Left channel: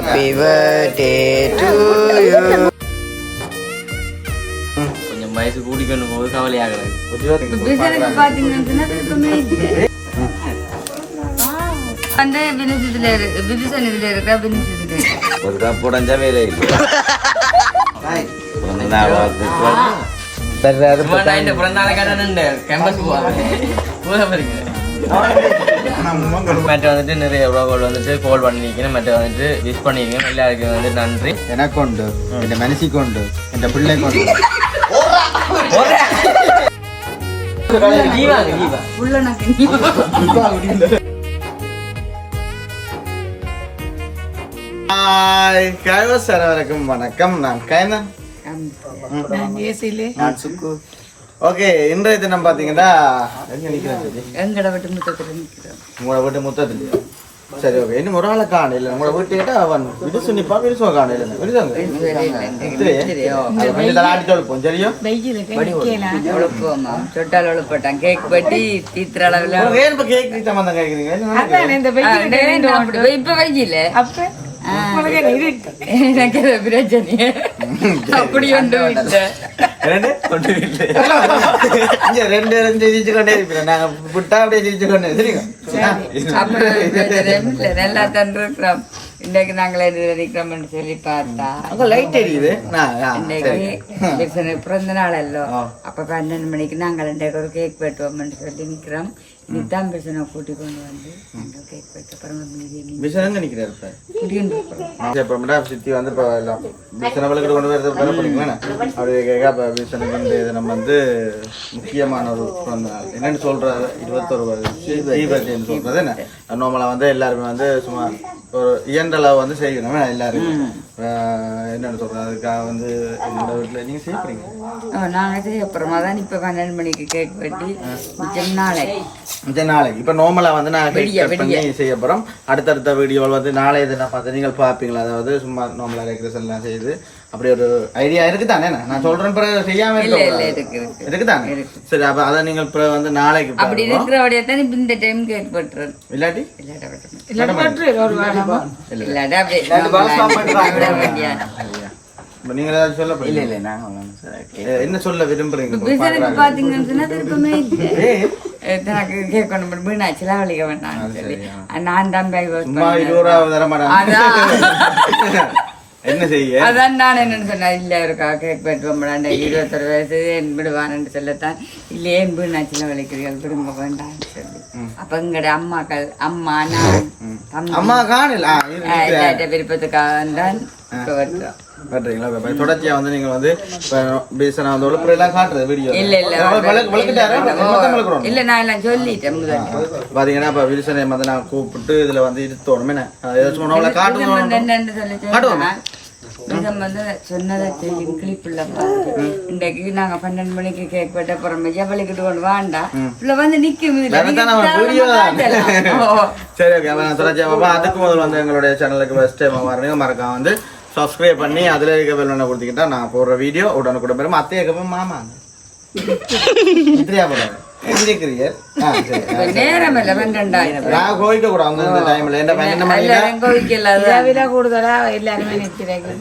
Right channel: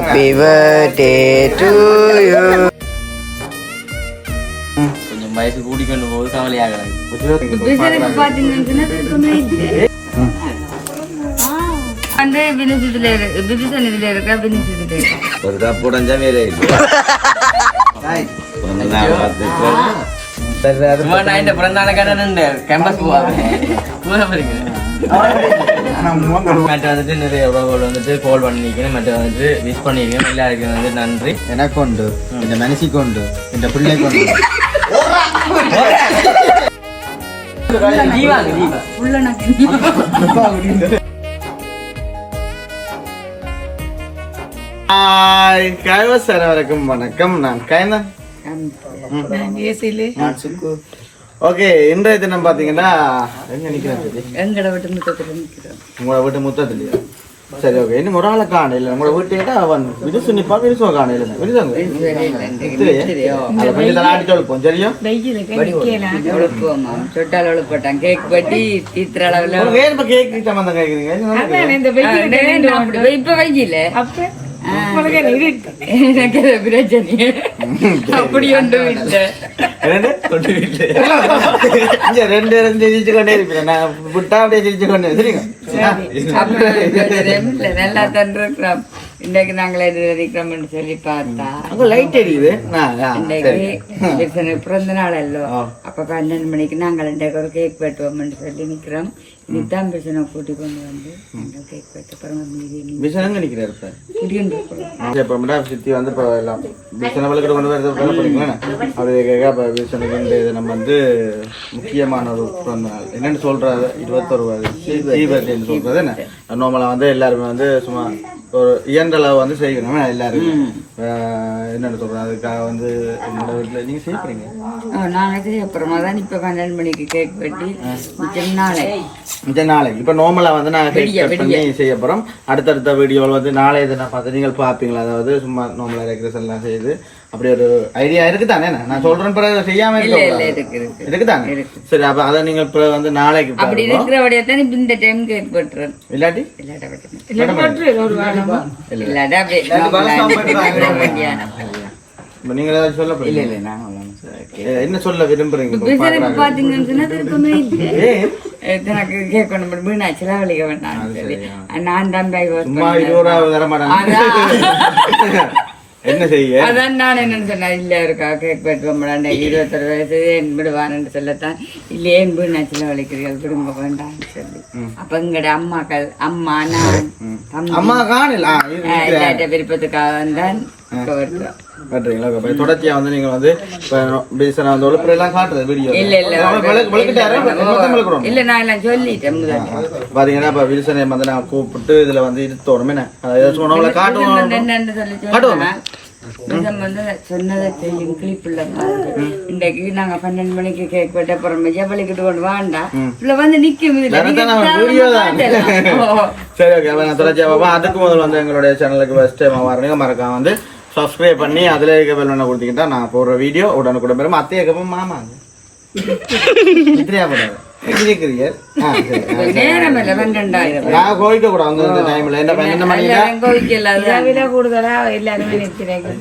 Happy birthday to you. கொஞ்சம் வயசு கூடிக்கொண்டு போது கவலையாகிறது. வந்து வினுசத்துல இருக்கா வினுசத்துல ஒரு கப் உடஞ்சா வேற இல்லை. சும்மா நான் இந்த பிறந்தான கடை கேம்பஸ் மற்ற வந்துட்டு நிறைய உறவுகள் வந்துட்டு கால் பண்ணிக்கணும், மற்ற வந்துட்டு விஷ் பண்ணிருக்கேன். எல்லாருக்கும் வந்து நன்றி. எனக்கு உண்டு, இந்த மனசுக்கு உண்டு, இந்த பிள்ளைக்கு உண்டு. வணக்கம். நான் கைனன். ஓகே, இன்றைய தினம் பாத்தீங்கன்னா எங்க நிக்கிறேன்? உங்களோட வீட்டு முத்தத்துலயா? சரி, ஓகே. இன்னும் ஒரு ஆளை காண இல்ல. உங்களோட வீட்டு கேட்டா அவன் விடுசு நிப்பா, விடுசுவ காண இல்ல. விடுசாங்க கொஞ்சம் தலாட்டி சொல்லுப்போம். சரியா? சொட்டால் ஒழுப்பட்டான் கேக் பட்டி தீத்திர அளவுல ஏன் கேக் சம்பந்தம் கேக்குறீங்க? இப்ப வைக்கல அப்ப எனக்கு பிரச்சனை அப்படி ஒன்றும் இல்லை. ரெண்டு சிரிச்சு கொண்டே இருப்பேன். நாங்க விட்டா அப்படியே சிரிச்சு கொண்டே சரிங்க. நல்லா தந்துருக்கிறோம். இன்றைக்கு நாங்கள் நினைக்கிறோம்னு சொல்லி பார்த்தா லைட் எரியுது. இன்றைக்கு பிறந்த நாள் அல்லோ, அப்ப 12 மணிக்கு நாங்கள் இன்றைக்கு ஒரு கேக் வெட்டுவோம்னு சொல்லி நிக்கிறோம். இதுதான் பிசனை கூட்டி கொண்டு வந்து நாங்கள் கேக் வெட்ட அப்புறம் பிசனங்க நிக்கிறாரு சித்தி வந்து இப்போ எல்லாம் பிசனவளுக்கு கொண்டு வரது வர போறீங்களா? அப்படி கேட்க இப்போ பிசனுக்கு நம்ம வந்து முக்கியமான ஒரு பிறந்த நாள் என்னன்னு சொல்றாரு. 21 தீபத்தின்னு சொல்றது என்ன? நார்மலா வந்து எல்லாருமே வந்து சும்மா ஒரு இயன்றளவு வந்து செய்யணும். எல்லாருமே என்னென்ன சொல்றேன், அதுக்காக வந்து என்னோட வீட்டில் நீங்க செய்யப்படுறீங்க. நாங்கள் செய்ய அப்புறமா தான் இப்போ 12 மணிக்கு கேக் வெட்டி மிச்சம் நாளைக்கு இப்போ நார்மலா வந்து நான் கேக் பண்ணி செய்ய போறோம். அடுத்தடுத்த வீடியோவில் வந்து நாளைய தினம் பார்த்து நீங்கள் பார்ப்பீங்களா? அதாவது சும்மா நார்மலா டெக்கரேஷன் எல்லாம் செய்து அப்படி ஒரு ஐடியா இருக்குதானே? நான் சொல்றேன் பிறகு செய்யாம இருக்குதானே? சரி, அப்ப அதை நீங்கள் வந்து நாளைக்கு அப்படி இருக்கிறபடியா தான் இந்த டைம் கேக் வெட்டுறேன். இல்லாட்டி நீங்க ஏதாவது சொல்ல போறீங்க? இல்ல என்ன சொல்ல விரும்புறீங்க? பாத்தீங்கன்னா விருப்பமே இல்லை. கேக் கொண்டு மீனாட்சி வலிக்க வேண்டாம். நான் தான் சும்மா 20 ரூபா தர மாட்டேன். என்ன செய்ய அதான் நான் என்னன்னு சொன்னேன். இல்ல இருக்கா கேக் வெட்டுவோம் 21 வயசு என் விடுவான்னு சொல்லத்தான். இல்ல ஏன் வீணாச்சில வலிக்கிறீர்கள் விடுங்க வேண்டாம்னு சொல்லி அப்ப எங்கட அம்மாக்கள் அம்மா நான் அம்மா காணல விருப்பத்துக்காக தான் வெட்டுறோம். தொடர்ச்சியா வந்து நீங்க வந்து எல்லாம் காட்டுறது வீடியோ இல்ல இல்ல நான் எல்லாம் சொல்லிட்டேன். பாத்தீங்கன்னா இப்ப வில்சனை வந்து நான் கூப்பிட்டு இதுல வந்து இருத்தோணும் என்னன்னு சொன்னதை செய்யும் கிளிப்புள்ள பாருங்க. இன்றைக்கு நாங்க 12 மணிக்கு கேக் வெட்ட போறோம். ஜபலிக்கிட்டு கொண்டு வேண்டாம் இல்ல வந்து நிக்கும். சரி, ஓகே. தொடர்ச்சியா அதுக்கு முதல்ல வந்து எங்களுடைய சேனலுக்கு ஃபர்ஸ்ட் டைம் வரீங்க மறக்காம வந்து சப்ஸ்கிரைப் பண்ணி அதுல இருக்க பெல் பண்ண கொடுத்தீங்கன்னா நான் போடுற வீடியோ உடனுக்குடன் பெறும். அத்தைய கப்பம் மாமாங்க போடாது கோவிக்க கூடாது. கூடுதலா எல்லாருமே நித்திரைக்கு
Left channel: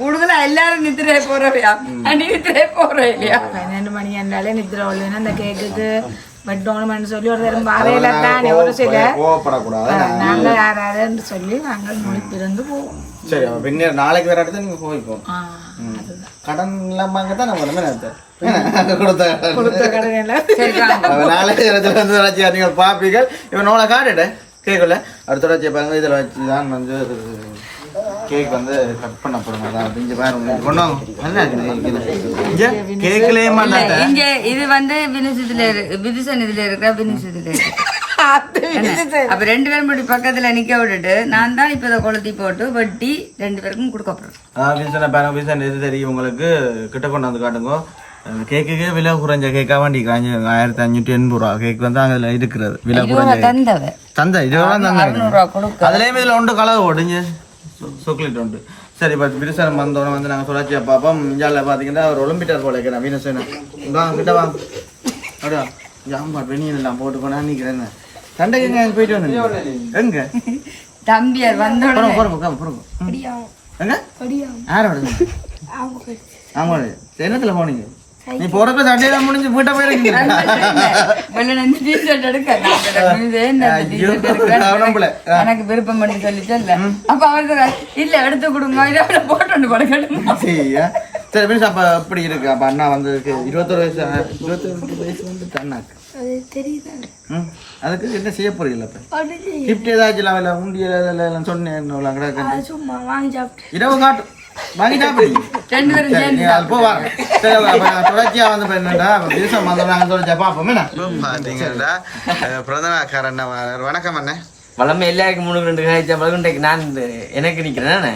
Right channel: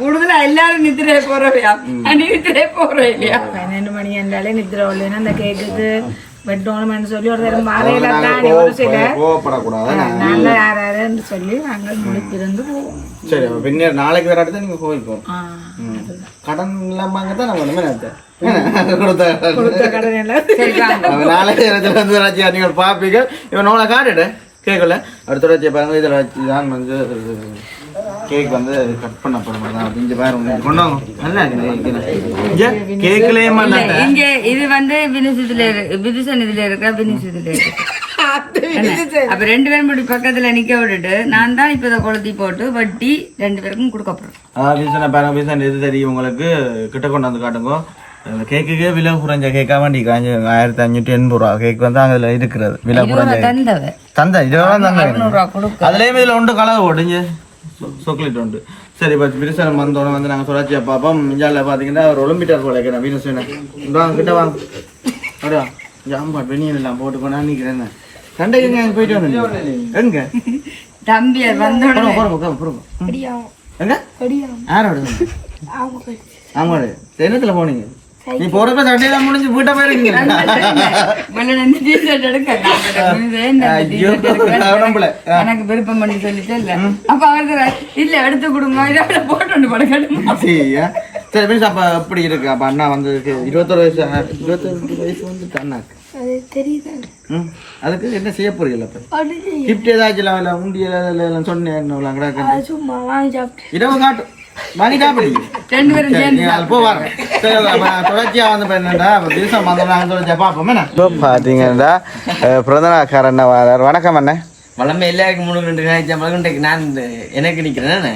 கூடுதலா எல்லாரும் நித்திரை போறவையா? நித்திரை போற இல்லையா? 12 மணி என்றாலே நித்திரை வரலன்னா அந்த கேக்குக்கு வெட்டோணும்னு சொல்லி ஒரு தரம் வாரையில தானே ஒரு சில நாங்க யாராருன்னு சொல்லி நாங்கள் முடிப்பிருந்து போவோம். சரி, பின்ன நாளைக்கு வேற இடத்துல நீங்க கோவிக்கோம். கடன் இல்லாம தான் நம்ம நீங்கள் பாப்பீங்க. இவன் நோளை காட்டுட்டு கேட்கல அடுத்த வச்சு பாருங்க. இதுல வச்சுதான் வந்து கேக் வந்து கட் பண்ண போறோம். இங்க பாருங்க கொண்டாங்க நல்லா இருக்கு கேக்லயே இங்க இது வந்து வினுசன் இதுல இருக்கா வினுசத்துல இருக்கு. அப்ப 2 பேரும் இப்படி பக்கத்துல நிக்க விட்டுட்டு நான் தான் இப்ப கொளுத்தி போட்டு வட்டி 2 பேருக்கும் கொடுக்க போறேன். பாருங்க இது தெரியும் உங்களுக்கு. கிட்ட கொண்டு வந்து காட்டுங்க. கேக்குக்கு விலை குறைஞ்ச கேக்கா வண்டி 1580 ரூபா கேக் வந்து அங்க இருக்கிறது. விலை குறைஞ்ச தந்தை அதுலயும் இதுல ஒன்று கலவு ஓடுங்க சாக்லேட் உண்டு. சரி, இப்போ விருசனம் வந்தோடனே வந்து நாங்கள் சுழற்சியா பார்ப்போம். இந்தியாவில் பார்த்தீங்கன்னா ஒரு ஒலிம்பிட்டர் போல இருக்கிறேன். வீனஸ் வாங்க கிட்ட வாங்க அப்படியா ஜாம்பாட் வெனியன் எல்லாம் போட்டு போனா நிற்கிறேன். சண்டைக்கு எங்க போயிட்டு வந்தீங்க எங்க தம்பி வந்தோட எங்க யாரோட ஆமா என்னத்துல போனீங்க நீ போறப்ப சண்டையெல்லாம் முடிஞ்சு வீட்டை போயிருக்கீங்க எனக்கு விருப்பம் பண்ணி சொல்லிட்டு இல்ல அப்ப அவர் இல்ல எடுத்து கொடுங்க இதை போட்டு படுக்கணும் சரி மீன்ஸ் அப்ப எப்படி இருக்கு அப்ப அண்ணா வந்து 21 வயசு வந்துட்டு அண்ணாக்கு அதுக்கு என்ன செய்ய போறீங்களா இப்ப கிஃப்ட் ஏதாச்சும் இல்ல உண்டியல சொன்னேன் சும்மா வாங்கி சாப்பிட்டு இரவு காட்டும் வாங்கி சாப்பிடுங்க தொடர்ச்சியா வந்து என்னடா தேசம் வந்தவங்க தொடர்ச்சியா பார்ப்போம் பாத்தீங்கன்னா பிறந்தநாக்கார அண்ணா வரார் வணக்கம் அண்ணன் வளமை எல்லாருக்கும் 3 2 நான் எனக்கு நிக்கிறேன்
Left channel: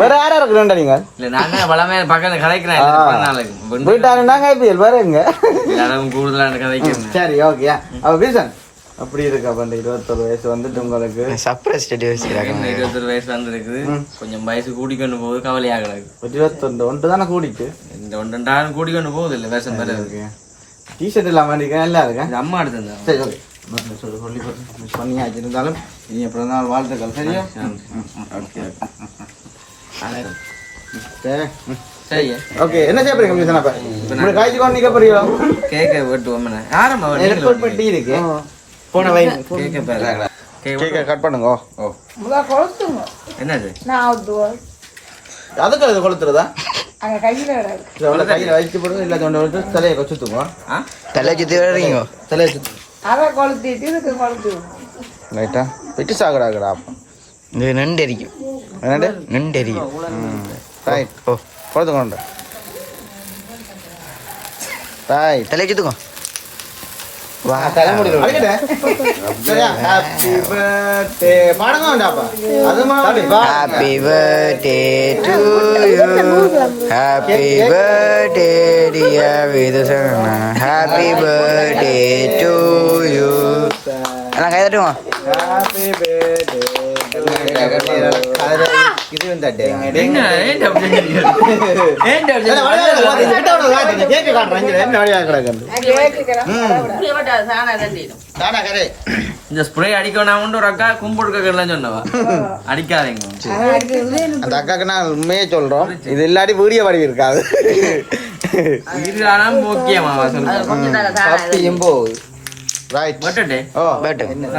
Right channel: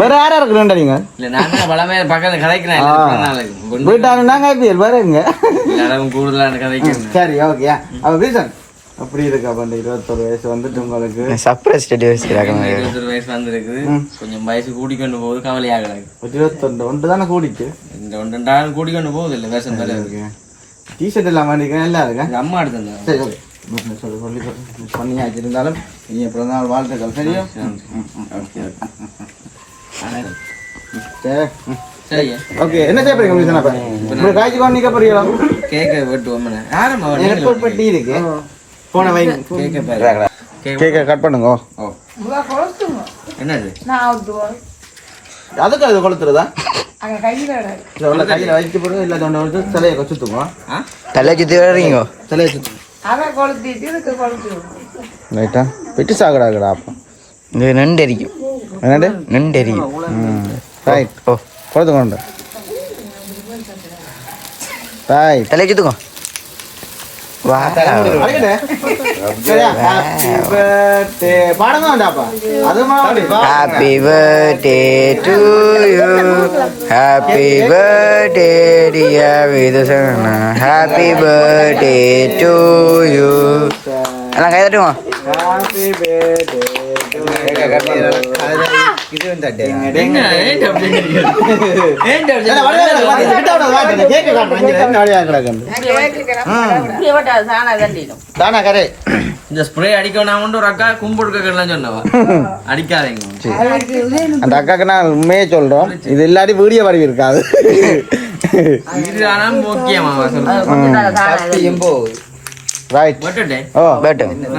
வேற யாரா இருக்கிறோம் நீங்க இல்ல நான் வளமை பக்கத்துல கதைக்கிறேன் வீட்டாங்க பாருங்க எல்லாரும் கூடுதலா கதைக்கிறேன் சரி ஓகே அவ பேசன் அப்படி இருக்கு அப்ப அந்த 21 வயசு வந்துட்டு உங்களுக்கு சர்ப்ரைஸ் ஸ்டடி வச்சிருக்காங்க 21 வயசு வந்துருக்குது கொஞ்சம் வயசு கூடிக்கொண்டு போகுது கவலையாக 21 ஒன்று தானே கூடிக்கு இந்த 1 கூடிக்கொண்டு போகுது இல்ல வேஷம் வேற இருக்கு டிஷர்ட் இல்லாம இருக்கேன் நல்லா இருக்கேன் அம்மா எடுத்திருந்தேன் சரி ஓகே சொல்லி பண்ணியாச்சு இருந்தாலும் நீ பிறந்தநாள் வாழ்த்துக்கள் சரியா சரி ஓகே என்ன செய்ய போறீங்க காய்ச்சி கொண்டு நிக்க போறீங்களா கேக்க வெட்டுவோம் ஆரம்பம் பெட்டி இருக்கு போன வை கேக்க கட் பண்ணுங்க ஓ என்னது அதுக்கு அது கொளுத்துறதா கையில வச்சு போடுங்க இல்ல ஒன்று தலையை கொச்சுத்துங்க தலை சுத்தி வர்றீங்க தலையை சுத்து அவன் கொளுத்திட்டு இதுக்கு கொளுத்து ரைட்டா வெட்டி சாகுறாங்கடா அப்போ இது நண்டு அரிக்கும் என்னது நண்டு அரிக்கும் ரைட் ஓ கொளுத்துங்க ரைட் தலை சுத்துக்கோ வா happy birthday to you happy birthday dear Vithusana happy birthday to you எல்லாம் கை தட்டுமா இந்த ஸ்ப்ரே அடிக்கணும் ஒரு அக்கா கும்பிடுக்கலாம் சொன்னவா அடிக்காதீங்க அந்த அக்காக்கு நான் உண்மையே சொல்றோம் இது இல்லாட்டி வீடியோ வடிவு இருக்காது இது ஆனா முக்கியமா சொல்றேன் ரைட் பட்டே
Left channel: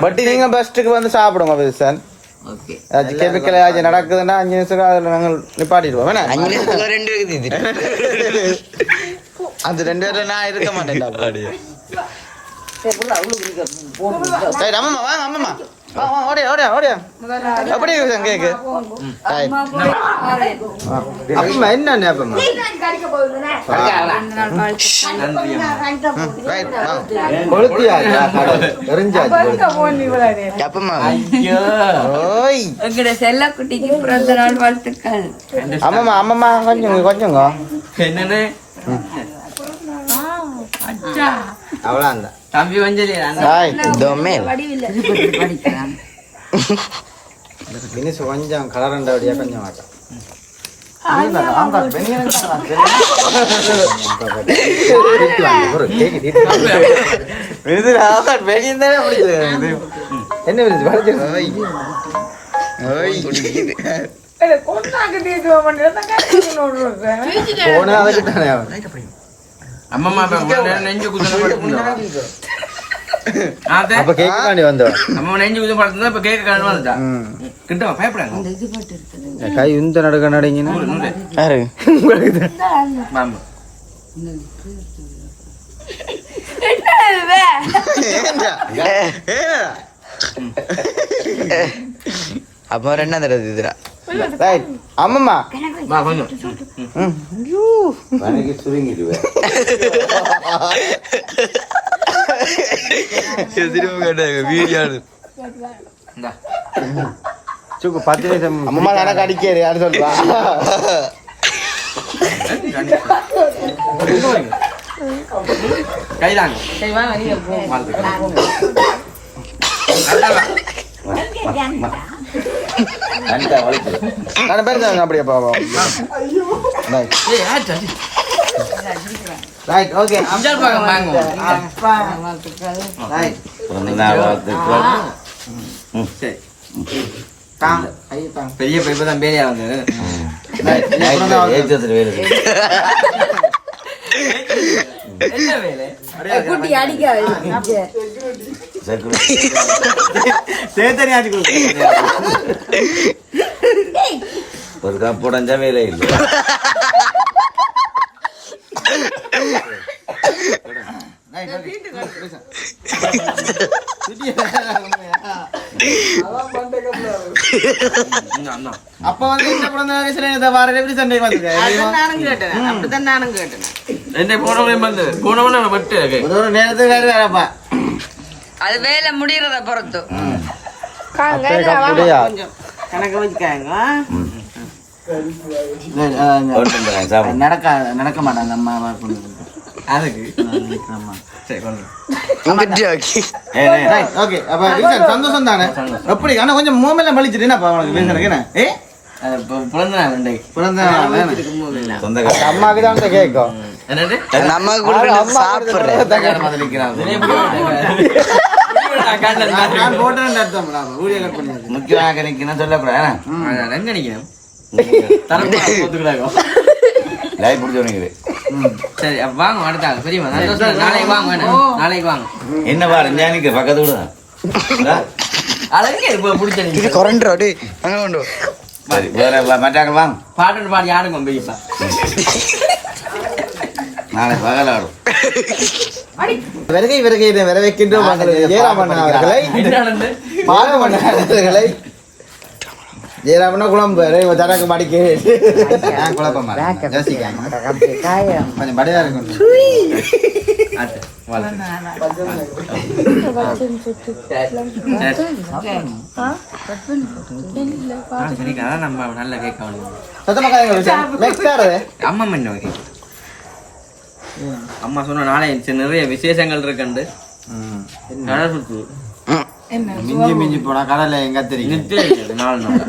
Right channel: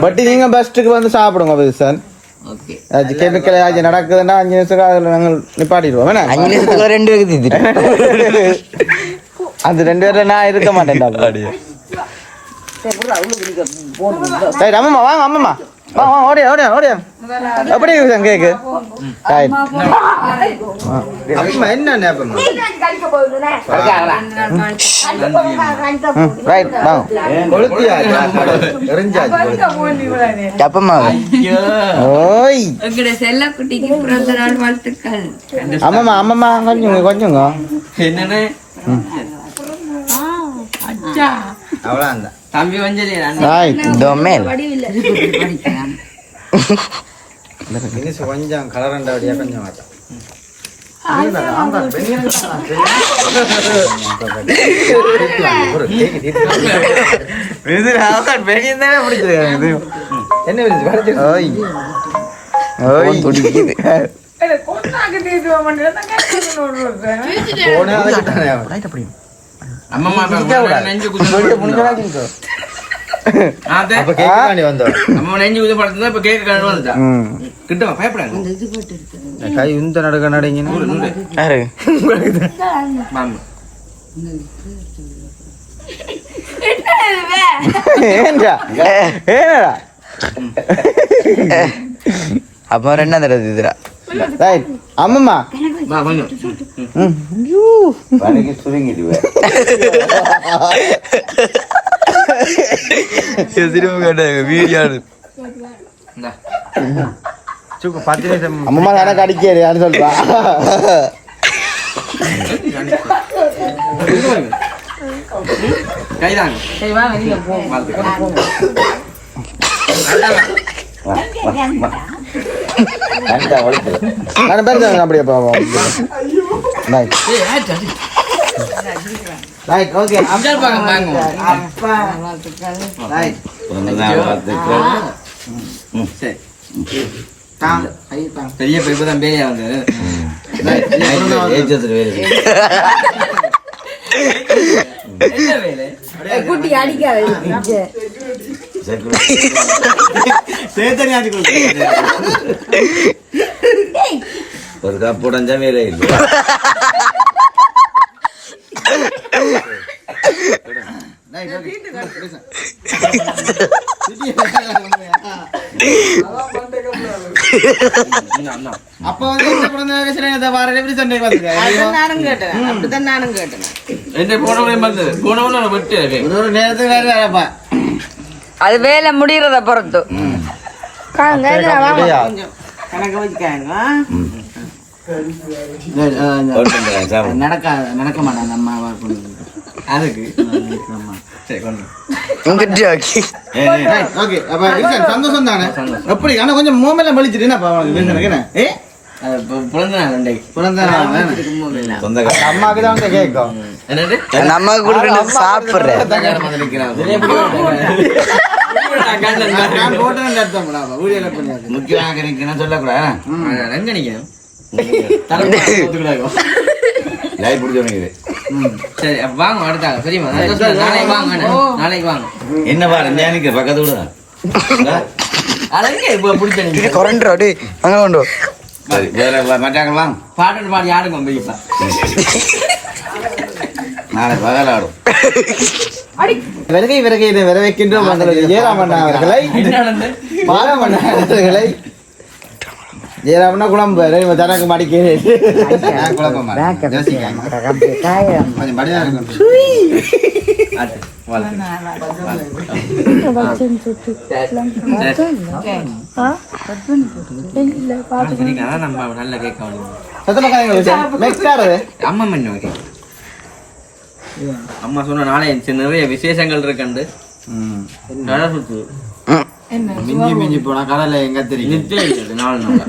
பட் நீங்க பெஸ்ட்டுக்கு வந்து சாப்பிடுங்க சார் ஓகே அது கெமிக்கல் ஏதாச்சும் நடக்குதுன்னா 5 நிமிஷம் அதில் நாங்கள் நிப்பாட்டிடுவோம் 5 நிமிஷத்துக்குள்ள 2 பேருக்கு தீத்துட்டு அந்த 2 பேர்ல நான் இருக்க மாட்டேன் அம்மம்மா வாங்க அம்மம்மா ஓடியா ஓடியா ஓடியா எப்படி கேக்கு என்ன செல்லக்குட்டிக்கு பிறந்த நாள் வாழ்த்துக்கள் அம்மம்மா அம்மம்மா கொஞ்சம் கொஞ்சங்க என்னன்னு அவ்வளோ தம்பி வஞ்சலி கொஞ்சம் கலரண்ட வழியா கொஞ்சம் மாட்டேன் அம்மா நெஞ்சு அம்மா நெஞ்சு குத படுத்தா இப்ப கேக்க கண்ணு வந்துட்டா கிட்ட பயப்படாங்க கை இந்த நடக்க நடங்க அப்போ 2 தடவை இதுரா அம்மம்மா அம்மா எனக்கு அடிக்காது யாரு சொல்றா கைதாங்க அப்படியே போவோம் ரைட் ஓகே அம்ஜால் பாங்க அப்பா ரைட் சரி பெரிய பைப்பு தான் பேயா வந்து என்ன வேலை குட்டி அடிக்காது சேத்தனி ஆடி ஒரு கப் உடஞ்சா வேலை இல்லை அப்ப வந்து வார எப்படி சண்டை நானும் கேட்டேன் அப்படித்தான் நானும் கேட்டேன் என்ன போனவனே வந்து போனவன விட்டு ஒரு நேரத்துக்கு வேற வேறப்பா அது வேலை முடியறத பொறுத்து கணக்கு வச்சுக்காங்க நடக்க மாட்டாங்க அம்மா அதுக்கு சரி ஓகே அப்ப சந்தோஷம் தானே எப்படி ஆனா கொஞ்சம் மோமெல்லாம் பழிச்சிட்டு என்ன பிறந்த நாள் பிறந்த அம்மாக்கு தான் வந்து கேட்கும் என்னது நம்ம கொடுக்க சாப்பிடுறேன் முக்கியமாக இருக்குன்னு சொல்லக்கூடாது எங்க நிக்கிறேன் சரி வாங்க அடுத்தாங்க சரிமா நாளைக்கு வாங்க நாளைக்கு வாங்க என்ன பாரு எனக்கு பக்கத்து விட அழகே இப்ப பிடிச்ச கொரண்டோடு அங்க கொண்டு மற்றாங்க வாங்க பாட்டு பாடி ஆடுங்க பெரியப்பா நாளைக்கு பகல் ஆடும் விறகை இதை வரவேற்கின்றோம் ஜெயராமன் அவர்களை பாலமன் அவர்களை ஜெயராமனா குழம்பு தனக்கு மடிக்க குழப்பம் யோசிக்காங்க கொஞ்சம் படியா இருக்கும் நம்ம நல்ல கேட்க அம்மா என்ன கேட்க அம்மா சொன்ன நாளே நிறைய விசேஷங்கள் இருக்கண்டு கடை சுத்து மிஞ்சி மிஞ்சி போனா கடலை எங்க தெரியும் 4 நாள்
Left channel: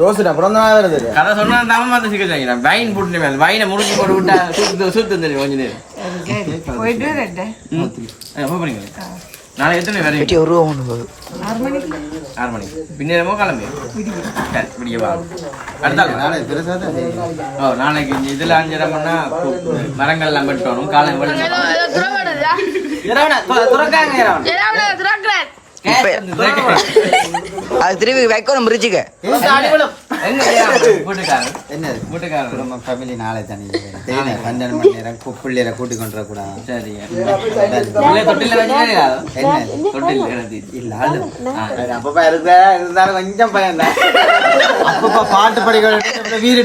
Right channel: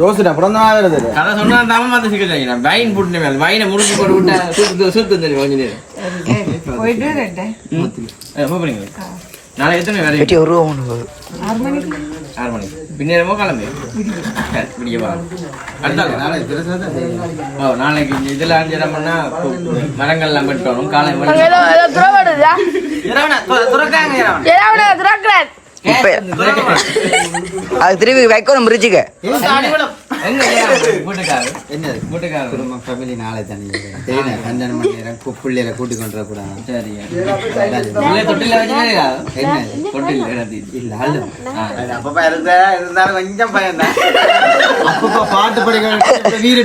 ரோஸ்டா அப்புறம் தான் வருது கதை சொன்னா தாம வந்து சிக்கிச்சாங்க வைன் போட்டு மேல வைனை முடிச்சு போட்டு விட்டா சுத்து தெரியும் கொஞ்ச நேரம் போயிட்டு ரெண்டு எப்போ போறீங்க நாளைக்கு எத்தனை வேற 6 மணிக்கு 6 மணிக்கு பின்னேரமோ கிளம்பி விடிய வாங்க நாளைக்கு இதுல 5 இடம்னா மரங்கள்லாம் வெட்டணும் காலை அது திரும்பி வைக்கணும் பிரிச்சுக்க குடும்பம் ஃபேமிலி நாளை தனி 12 மணி நேரம் பிள்ளையில கூட்டி கொண்டு வரக்கூடாது சரியா தொட்டில வச்சு என்ன தொட்டில் இல்ல அப்பப்பா இருந்தாலும் கொஞ்சம் பயம் தான் அப்பப்பா பாட்டு படிக்க வீடு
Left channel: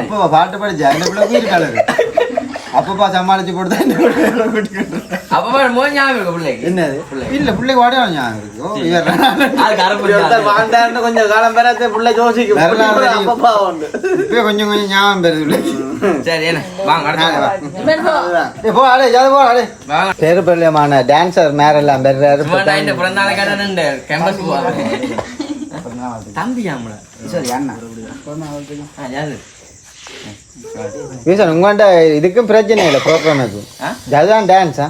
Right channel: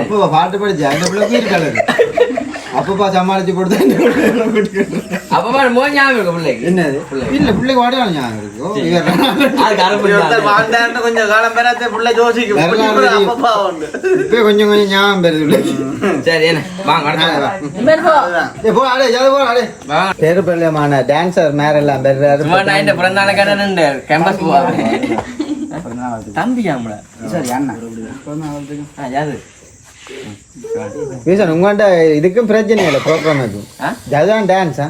அப்பப்பா பாட்டு படிச்சு அந்த பிள்ளை வீடு கலரு அப்பப்பா சமாளிச்சு கொடுத்தா அப்பப்பா மோதி ஞாபகம் இருக்கு பிள்ளைக்கு என்னது இல்ல பிள்ளைக்கு வாடகை ஞாபகம் இருக்கும் கொஞ்சம் காலம் பெறாத பிள்ளை யோசிக்கும் இப்ப கொஞ்சம் கொஞ்சம் ஞாபகம் பெறுது சரி என்ன வாங்க போ அடே போ அடே பேரு பெரியமான டான்சர் மேரெல்லாம் பெறாரு பிறந்தான கடை கேம்பஸ் தம்பி ஆம்பளை சரி அண்ணா யாரு உங்கள்கிட்ட இதுக்கும் பிரச்சனை இல்லை ப்ரோக்ராமுக்கு அதுதான் டான்ஸா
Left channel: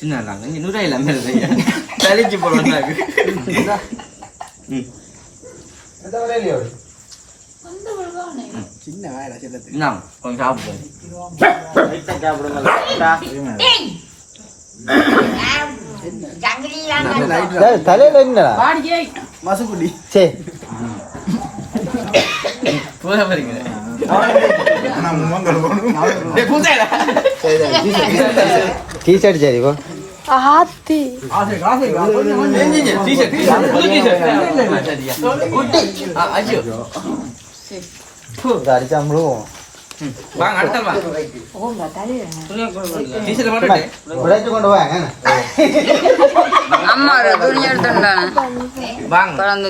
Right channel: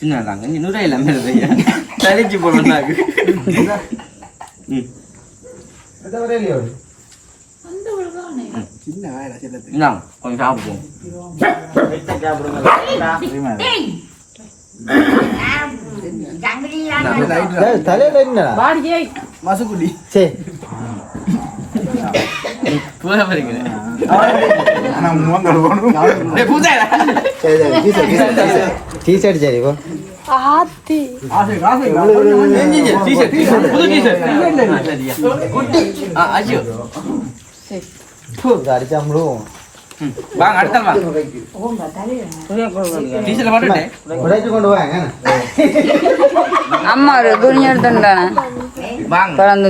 சின்னதாங்க இன்னும் எல்லாமே தரிச்சு போடுறாங்க சின்ன வேலை கொஞ்சம் சாப்பிடுவோம் தலையில என்ன மசக்குடி சரி டீஷர்ட் சரி அடிச்சாமலும் வாங்க அடுத்த வாங்க டீச்சர் போட்டுட்டே உடைச்சு கொண்டு வாங்க அம்மா துணி எடுத்துட்டா வாங்க குழந்தை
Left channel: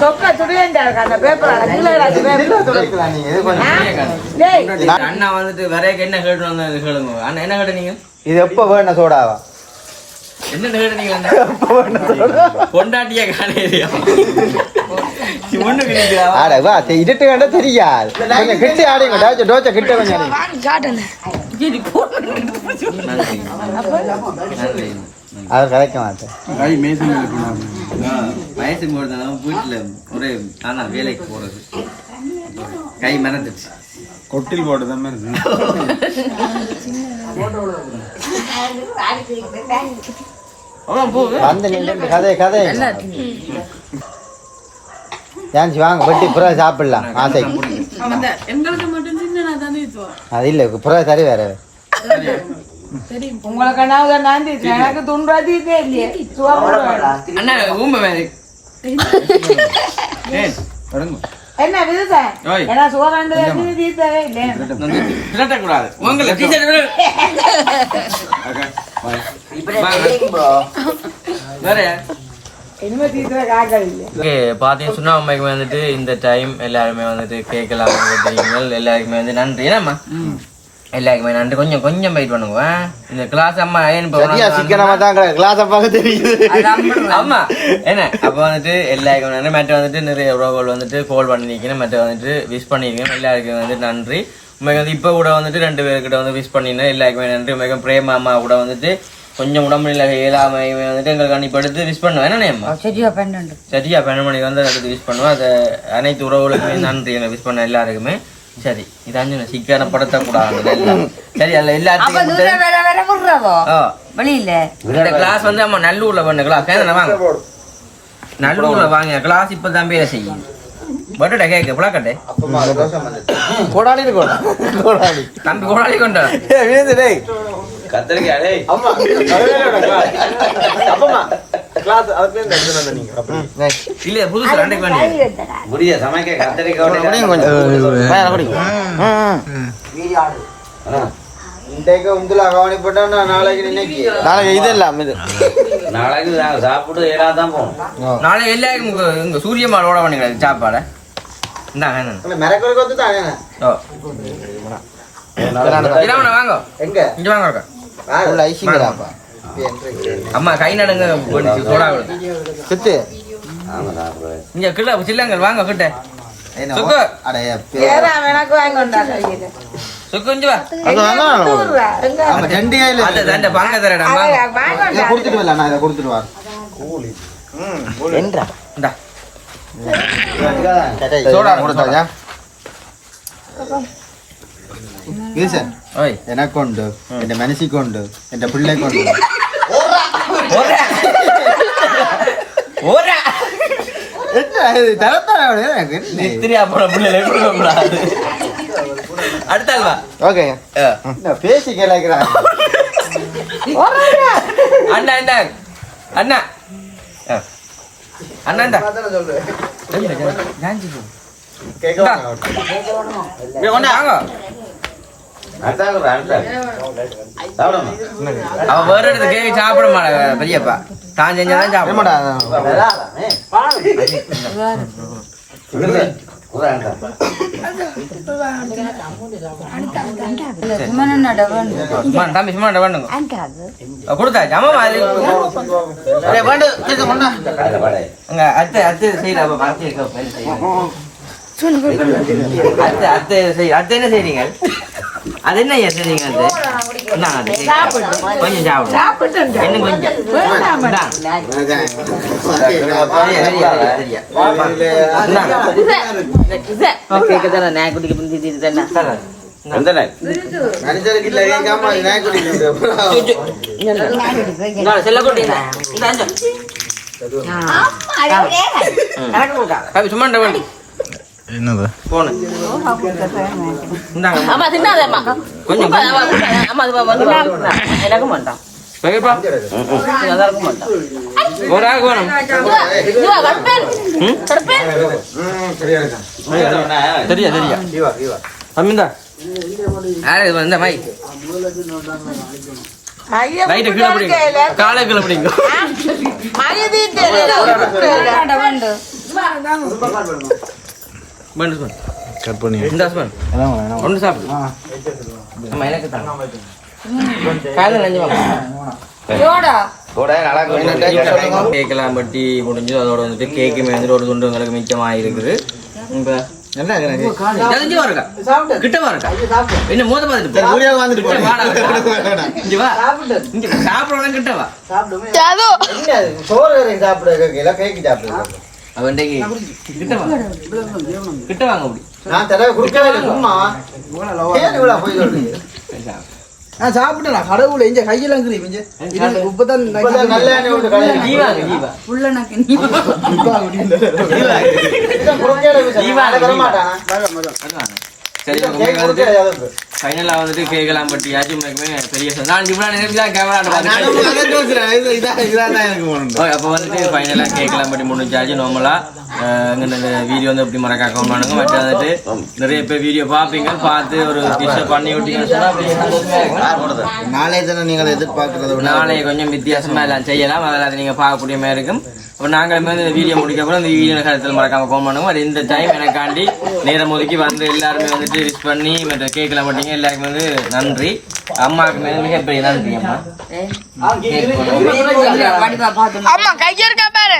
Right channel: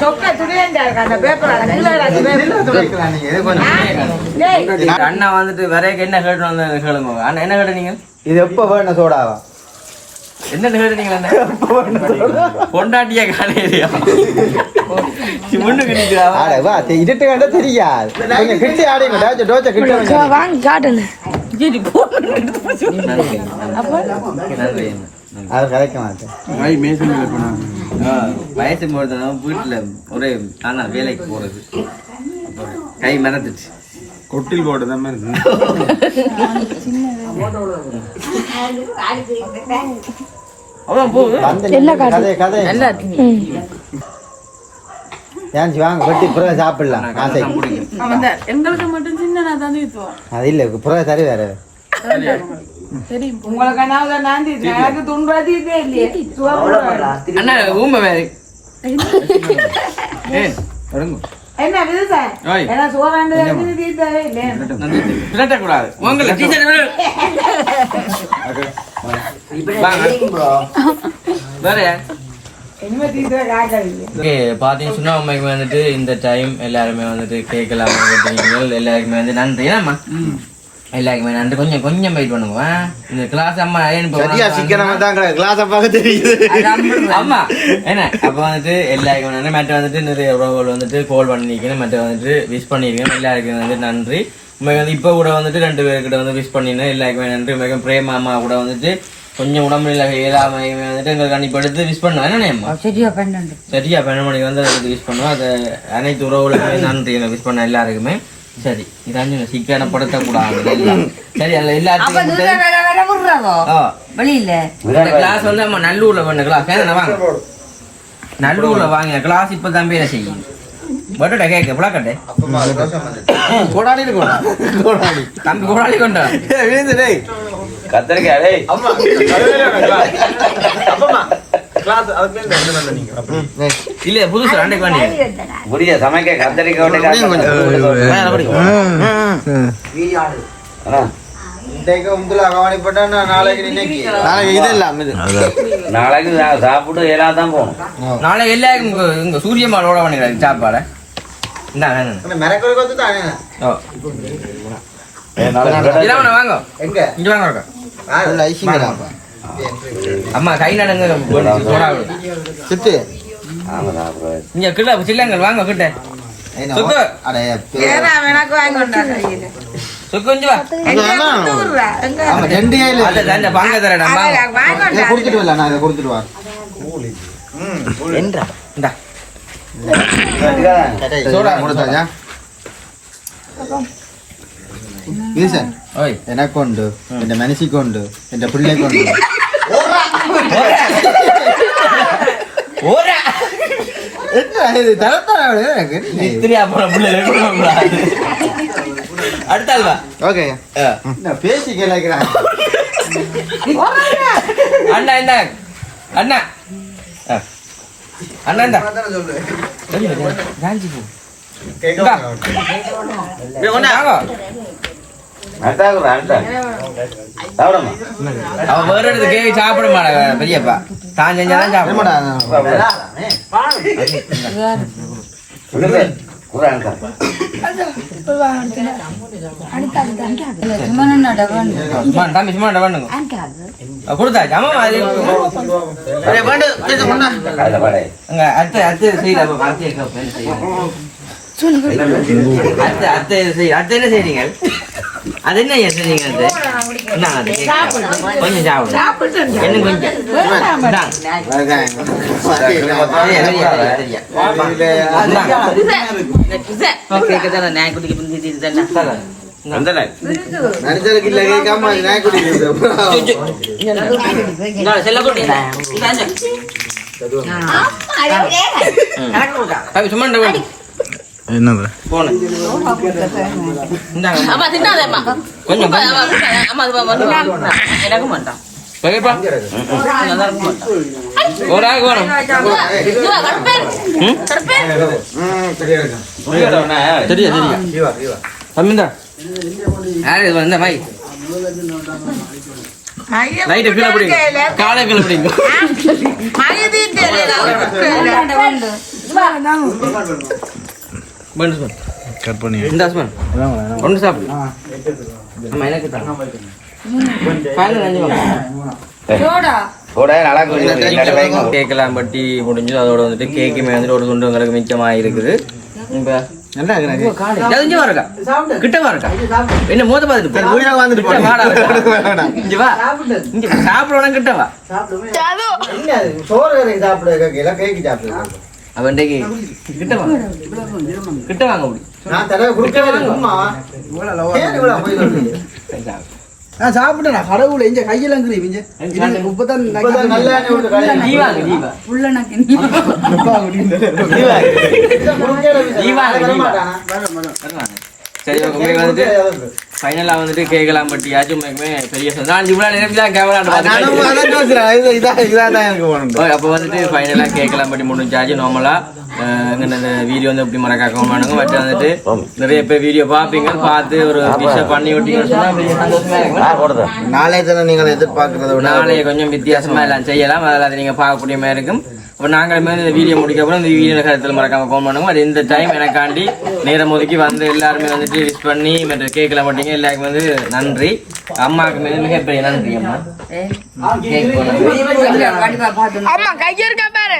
சொக்கா துணியண்டா அந்த பேப்பர் அண்ணா வந்துட்டு வரைய என்ன கேட்டு வந்து கேளுங்க அண்ணா என்ன கேட்டீங்க இது எப்ப வேணும் சோடாவா என்ன கேட்டீங்களா பொண்டாட்டிய காலையிலையா முன்னுக்கு நிக்கிறா ஆட வா இதட்டு கண்ட தெரியாது கொஞ்சம் கிட்ட ஆடிங்க டாச்ச டோச்ச கிட்ட வாங்க காட்டுங்க நன்றி நன்றி அவர் கலைக்க மாட்டேன் வயசு போறது வீட்டுல ஒரே ஆனா வேலைக்கு போறது கை மறந்துச்சு கொட்டில் போடுதான் மாதிரி அவ்வளவு போகுது கதை கதை ஏன் வாங்க வெட்டி புறா சாப்பிடலாம் ஆசை எங்களுக்கு மட்டும் சின்ன தான் அது இல்ல புறா சரி வேற அண்ணா ஊம்ப வேறு கூடாது உங்களை வேற பாத்தீங்கன்னு சொன்னா அம்மைக்கு வந்துட்டு இந்த டைம் எல்லாருமே வந்துட்டு கேட்கலாம் எல்லாருக்குமே வந்து நன்றி ஏன்னாம்மா எல்லாருக்குமே நன்றி கொஞ்சம் கொஞ்சம் வெயிட் பண்ணுங்க இந்த கிளாஸ் அம்மா ஆமா என்ன அப்ப வந்துட்டு எல்லாருக்கும் நன்றி மற்ற வந்துட்டு நிறைய உறவுகள் வந்துட்டு கால் பண்ணிருக்கேன் மற்ற வந்துட்டு விஷ் பண்ணிருக்கேன் எல்லாருக்கும் வந்து நன்றி உண்மைக்கு வந்து இப்ப கூட வந்துட்டு 2 பேர்கிட்ட வந்து விஷ் பண்ணிருந்தேன் எல்லாருக்குமே நன்றி உண்மைக்கும் பிரேமா அம்மா கூட வந்துட்டு கொஞ்சம் உடம்புல ஏழாமை வந்துட்டு எங்களுக்கு அனுப்பிடுத்து விஷ் பண்ணுவேன் என்ன சரியா 12 மணிக்கு வந்து அதுக்கு விஷ் பண்ணுவேன் அது அனைத்து உறவுகளுக்குமே நன்றி என்ன விஷ் பண்ண எல்லாருக்குமே சரி இதான் சீக்கிரம் படுத்தக்கூடாது சரி அல்ல எல்லாத்துக்கும் இந்த கிளாஸ் வந்து நம்ம நல்லூர்ல பண்ண கிளாஸ் வாங்க நல்லூர்ல வாங்க கிளாஸ் இப்ப தம்பியில செய்யும் பட்டுடா கேக்க புழக்கட்டே கோடாடி தம்பி கோடாடி கொண்டா இல்ல புதுசு 2 வேண்டிய சமைக்க கத்தரிக்காய் நாளைக்கு சாப்பிட்டு ஏறாதான் போகும் நாளைக்கு எல்லாருக்கும் இங்க சூரிய மாலோட பண்ணிக்கிறாங்க சாப்பாட வாங்க இங்க வாங்க அம்மா கை நடுங்க சுத்து இங்க கிட்ட சில்லங்கள் வாங்க கிட்ட சுக்கு சுக்கு வா அந்த பங்க தரடா கொடுத்துட்டு வரல நான் கொடுத்துட்டு வா சோடா கொடுத்தா എനക്കുണ്ട് എന്റെ മനസ്സിക്കുണ്ട് എന്റെ പിള്ളേക്കുണ്ട് அடுத்தால்வா ஓகே பேசி கேட்கிறான் அண்ணா அண்ணா அண்ணா அண்ணா காஞ்சி போ அவன் வேற இடத்துக்கு சாப்பிட மாட்டா பெரியப்பா தான் செஞ்சாதான் சாப்பிட மாட்டா தம்பி சும்மா பண்ணுங்க கொடுத்தாச்சு ஆமா அங்க அத்தை அத்தை அத்தை என்ன செய்றீங்க அது என்ன செய்றீங்க அது கொஞ்சம் சாப்பிடுங்க என்ன கொஞ்சம் சும்மா என்னது கொஞ்சம் ஒரு ஆள் வேணும் சரியா சரியா தம்பிந்தா யாரு இது வந்த மை நைட்டு கீழே பிடிங்க காலை கீழே பிடிங்க கட் பண்ணி இந்த ஹஸ்பண்ட் ஒன்று சாப்பிடு ஆமா எனக்கு தாங்க காலையில் நஞ்சு வாங்க கேக்கெல்லாம் பட்டி முடிஞ்சு அதோட வந்துட்டு கேக்குமே வந்துட்டு ஒரு துண்டு உங்களுக்கு மிச்சமாக இருக்குது இப்போ நல்லா இருக்கு இங்க இருக்கா கிட்டவா இருக்கா என்ன மோத பார்த்துட்டு வீடியோ வந்துட்டு கிட்ட வாடா இங்க வா இங்க சாப்பிடணும் கிட்டவா சோறு சாப்பிடுறது கேக்கு சாப்பிடுறது அவன்டைக்கு கிட்டவா கிட்ட வாங்க அப்படி நான் தலைவர் சாப்பிட்டேன் கடவுளை இங்க கையெல்லாம் கிரீம் இப்பதான் நீ வாங்க நீ வா புள்ள நக்கு நீ வாங்க நீ வா சரி உங்களுக்கு வந்துட்டு ஃபைனலாக வந்துட்டு கேட்கலாம் பட் யாச்சும் உண்மைக்குமே பெரிய நான் இவ்வளோ நேரம் இதான் எனக்கு போகணும் அப்போ வந்துட்டு ஃபைனலாக கேட்கலாம் பட்டி முடிஞ்சாச்சு நார்மலாக அங்கே இந்த வீடியோ வந்து எப்படி மறக்காக்க மாட்டாங்க மற்ற வந்துட்டு நிறைய பேர் வீடியோ பார்ப்பீங்க பார்த்து ஒரு டிஷ்ஷை பண்ணி விட்டீங்கன்னு சொன்னால் பெரிய சந்தோஷமா இருக்கும் நாளைய தினம் நீங்கள் எதிர்பார்க்கறத விட நாளைய கொஞ்சம் வித்தியாசமாக எல்லாம் செய்யலாம் அதில் அதை நீங்கள் பார்க்கக்கூடிய மாதிரி இருக்கும் அப்போ நாங்களுமே இந்த வீடியோ முடிக்கப்புறம் இந்த வீடியோ கருத்தில் மறக்காம ஃபோன் பண்ணுவோம் அது இந்த டைம் எனக்காண்டி நேரம் ஒதுக்கி வந்து எல்லாருமே வந்துட்டு விஷ் பண்ணி மற்ற கேட்கல மாட்டீங்க எல்லாருக்குமே வந்து நன்றி அம்மாவுக்குமே மிகப்பெரிய நன்றி அம்மா கேக் அம்மா கையர்க்கா பாரு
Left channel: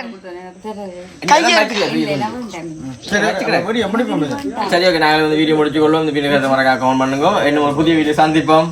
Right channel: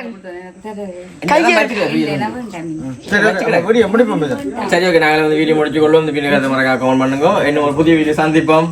சரி ஓகே நாங்கள் வந்து வீடியோ முடிச்சு கொள்வோம் இந்த வீடியோ கருத்தை மறக்காம ஃபோன் பண்ணுங்க இன்னும் ஒரு புதிய வீடியோ சந்திப்போம்.